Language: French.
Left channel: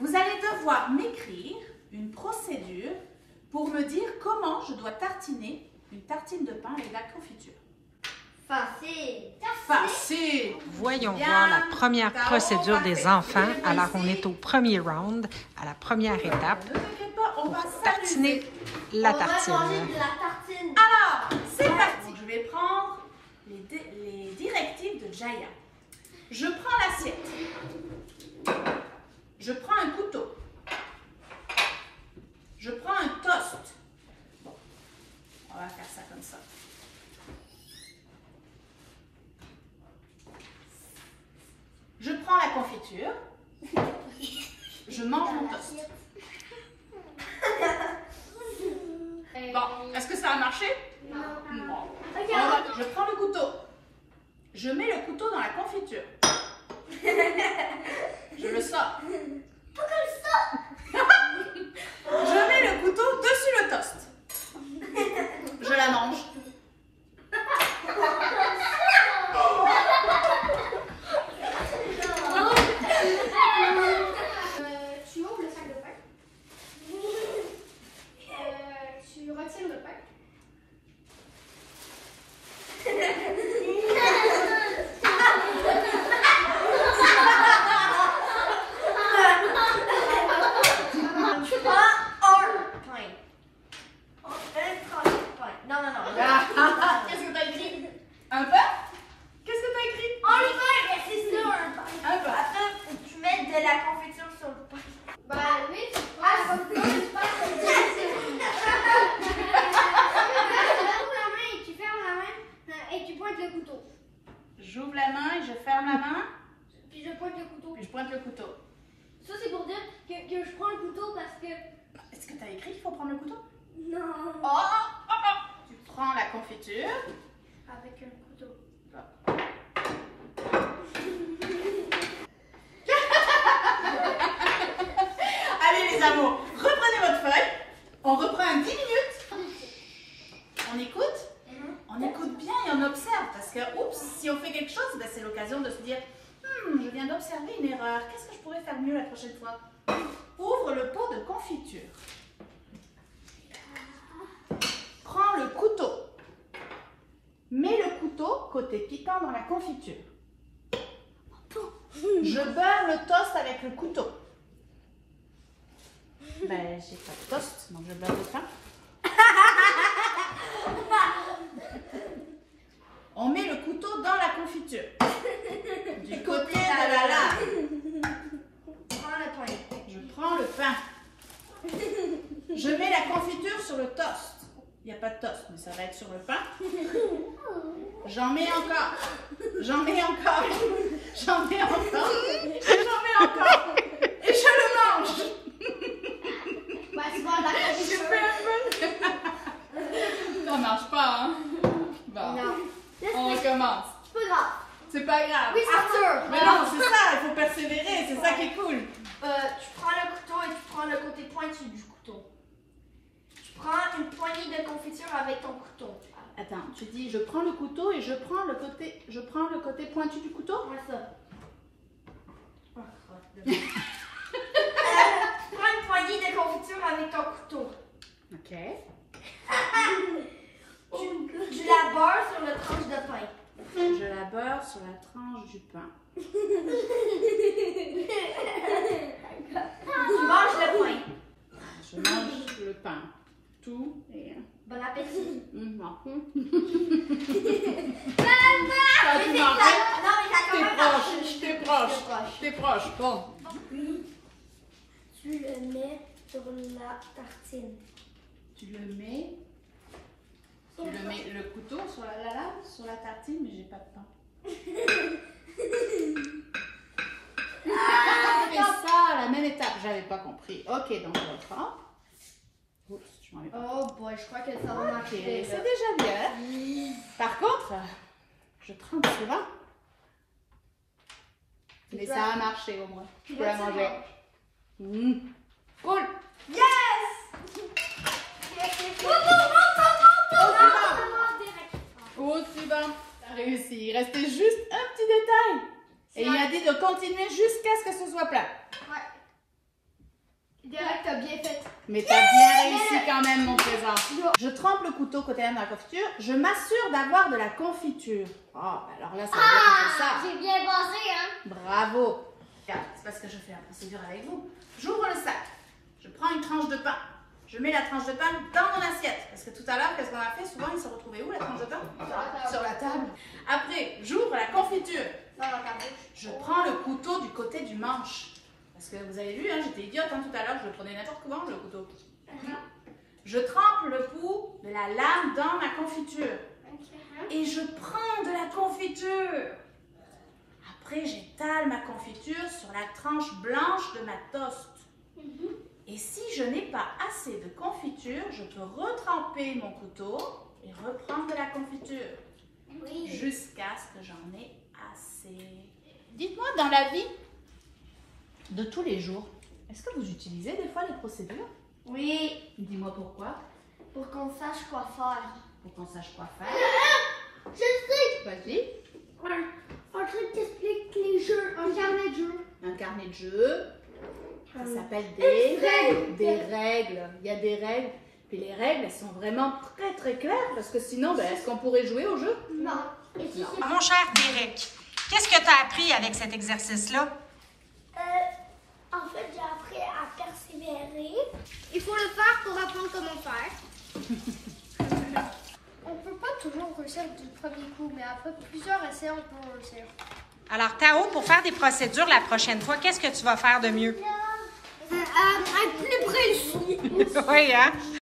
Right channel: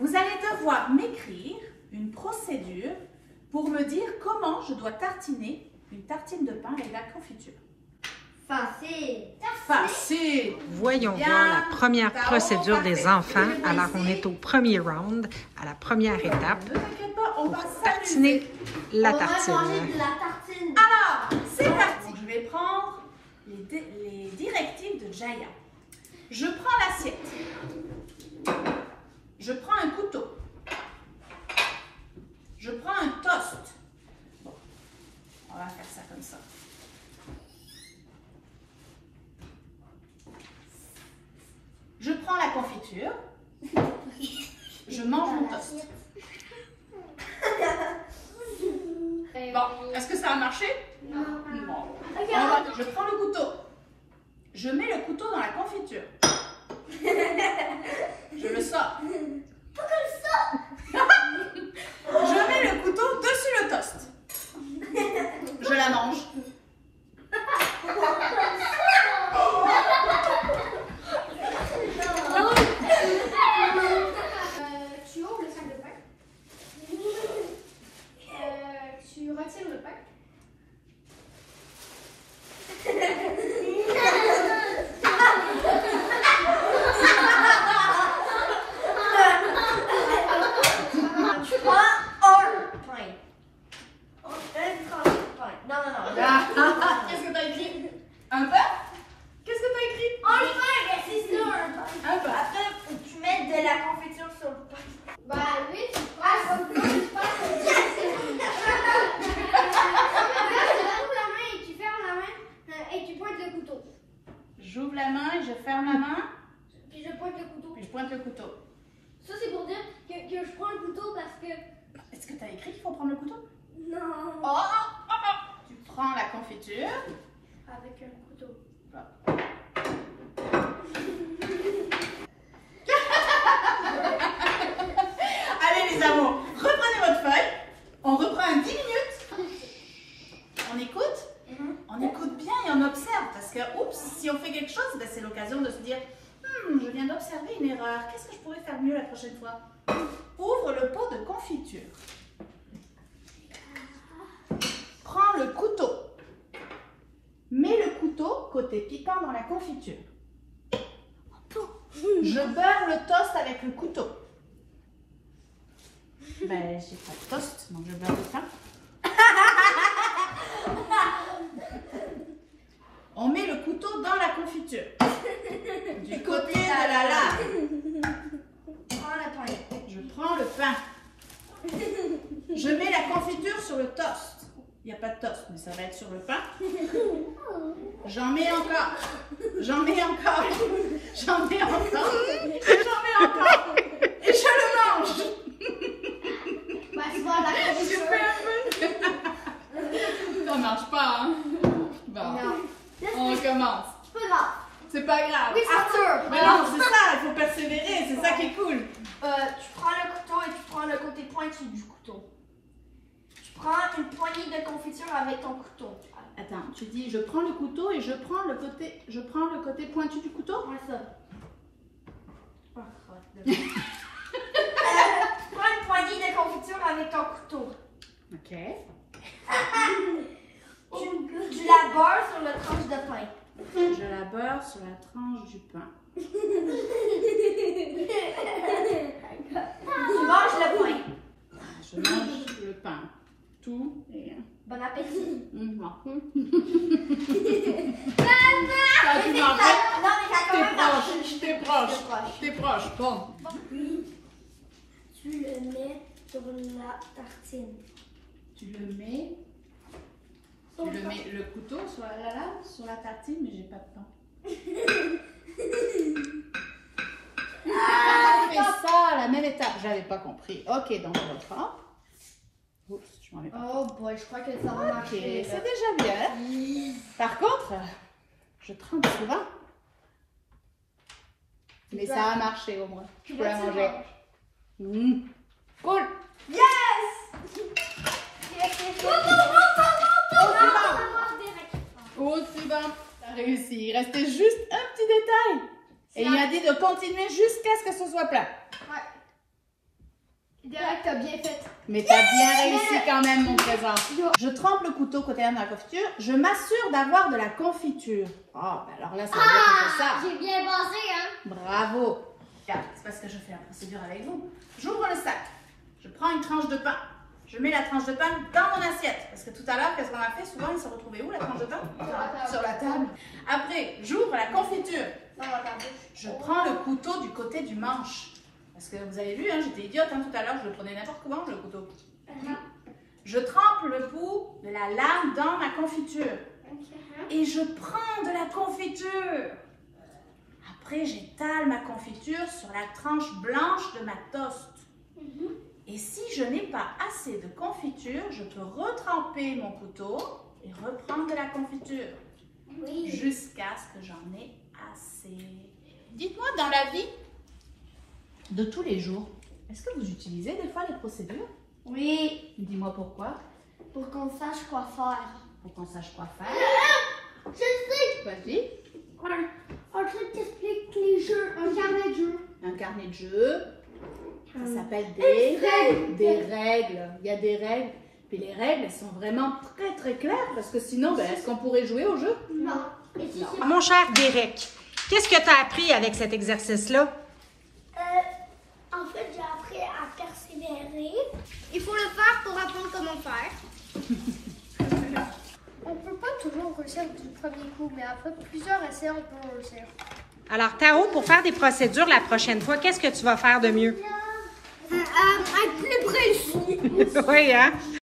Vous allez devoir m'écrire une procédure pour me dire comment je dois tartiner une tartine de pain avec de la confiture. Facile. Facile. Voyons Bien. voir la première Bravo, procédure parfait. des enfants. Je vais Alors, on ici. est au premier round, à la première étape, Ne t'inquiète pas, on va tartiner s'amuser. la On va tartine. manger de la tartine. Alors, c'est parti. Je vais prendre les directives de Jaya. Je prends l'assiette. Je prends un couteau. Je prends un toast. Bon, on va faire ça comme ça. Je prends la confiture. Je mange mon toast. Bon, est-ce que ça a marché? Non. Bon. Regarde. Je prends le couteau. Je mets le couteau dans la confiture. Je le sors. Pourquoi le sort? Je mets le couteau dessus le toast. Je la mange. Tu ouvres le sac de pain. Tu retires le pain. Tu prends un pain. Non. Qu'est-ce que t'as écrit? Un pain? Qu'est-ce que t'as écrit? Un pain, mais c'est ça, un pain. Un pain. Après, faut que tu mettes de la confiture sur le pain. Ben oui, tu prends Ah, tu ouvres la main et tu fermes la main et tu pointes le couteau. J'ouvre la main et je ferme la main. Puis je pointe le couteau. Puis je pointe le couteau. Ça, c'est pour dire que je prends le couteau parce que... Est-ce que t'as écrit qu'il faut prendre le couteau? Non. Oh. Tu prends la confiture. Avec un couteau. Allez les amours, reprenez votre feuille. On reprend 10 minutes. On écoute? On écoute bien et on observe parce que, oups, si on fait quelque chose, ben, c'est l'occasion de se dire je viens d'observer une erreur. Qu'est-ce que je pourrais faire mieux la prochaine fois? Ouvre le pot de confiture. Prends le couteau. Mets le couteau côté piquant dans la confiture. Je beurre le toast avec le couteau. Ben, j'ai pas de toast, donc je beurre le pain. On met le couteau dans la confiture. Du côté de la lame. Prends le pain. Je prends le pain. Je mets la confiture sur le toast. Il n'y a pas de toast, mais ça va être sur le pain. J'en mets encore. J'en mets encore. J'en mets encore. J'en mets encore. Et je le mange. Ben, tu vois, la Je confiture. fais un peu. Ça marche pas, hein? Bon, Non. on recommence. C'est pas grave. C'est pas grave. Oui, Arthur. Mais non, c'est ça, il faut persévérer, c'est ça qui est cool. Tu prends le couteau et tu prends le côté pointu du couteau. Tu prends une poignée de confiture avec ton couteau. Attends, tu dis je prends le couteau et je prends le côté pointu du couteau. Prends ça. Oh, Prends une poignée de confiture avec ton couteau. ok. Tu la beurres sur le tranche de pain. Je la beurre sur la tranche du pain. Tu manges le pain. Je mange le pain. Tout et... Bon appétit. Ça, tu m'en fais. Non, mais t'as quand même marché. T'es proche. T'es proche. Bon. Puis, tu le mets sur la tartine. Tu le mets le couteau sur la lame, sur la tartine, mais j'ai pas de pain. Ah, fais ça à la même étape. J'avais pas compris. Ok, donc je reprends. Oups, je m'en vais pas. Oh boy, je crois que ça va Ok, marcher. c'est déjà bien. Par contre, je trempe souvent. Mais ça a marché au moins. Je peux la manger. Cool. Yes! Au suivant. T'as réussi. Il restait juste un petit détail. Et il a dit de continuer jusqu'à ce que ce soit plat. Ouais. t'as bien fait. Mais t'as bien réussi quand même, mon trésor. Je trempe le couteau côté dans la confiture. Je m'assure d'avoir de la confiture. Oh, ben alors là, ça veut dire que c'est ça. J'ai bien pensé, hein? Bravo. Regarde, c'est parce que je fais la procédure avec vous. J'ouvre le sac. Je prends une tranche de pain. Je mets la tranche de pain dans mon assiette. Parce que tout à l'heure, qu'est-ce qu'on a fait? Souvent, il se retrouvait où, la tranche de pain? Sur la table. Après, j'ouvre la confiture. Je prends le couteau du côté du manche. Parce que vous avez vu, hein, j'étais idiote hein, tout à l'heure, je le prenais n'importe comment, le couteau. Je trempe le bout de la lame dans ma confiture. Et je prends de la confiture. Après, j'étale ma confiture sur la tranche blanche de ma toast. Et si je n'ai pas assez de confiture, je peux retremper mon couteau et reprendre de la confiture. Oui. Jusqu'à ce que j'en ai assez. Dites-moi, dans la vie de tous les jours, est-ce que vous utilisez des fois les procédures? Oui. Dis-moi pourquoi. Pour qu'on sache quoi faire. Pour qu'on sache quoi faire. Je sais! Vas-y. Un truc qui explique les jeux, un carnet de jeux. Un carnet de jeux. Ça s'appelle des règles. Il y a des règles. Puis les règles, elles sont vraiment très très claires parce que sinon, ben, est-ce qu'on pourrait jouer au jeu? Non. Et si c'est Mon cher Derek, qu'est-ce que tu as appris avec cet exercice-là? En fait, j'ai appris à persévérer. Il faut le faire pour apprendre comment faire. On peut pas toujours réussir du premier coup, mais après plusieurs essais, on peut réussir. Alors, Tao, pour faire des procédures la prochaine fois, qu'est-ce que tu vas faire de mieux? Être plus précis. Oui, hein?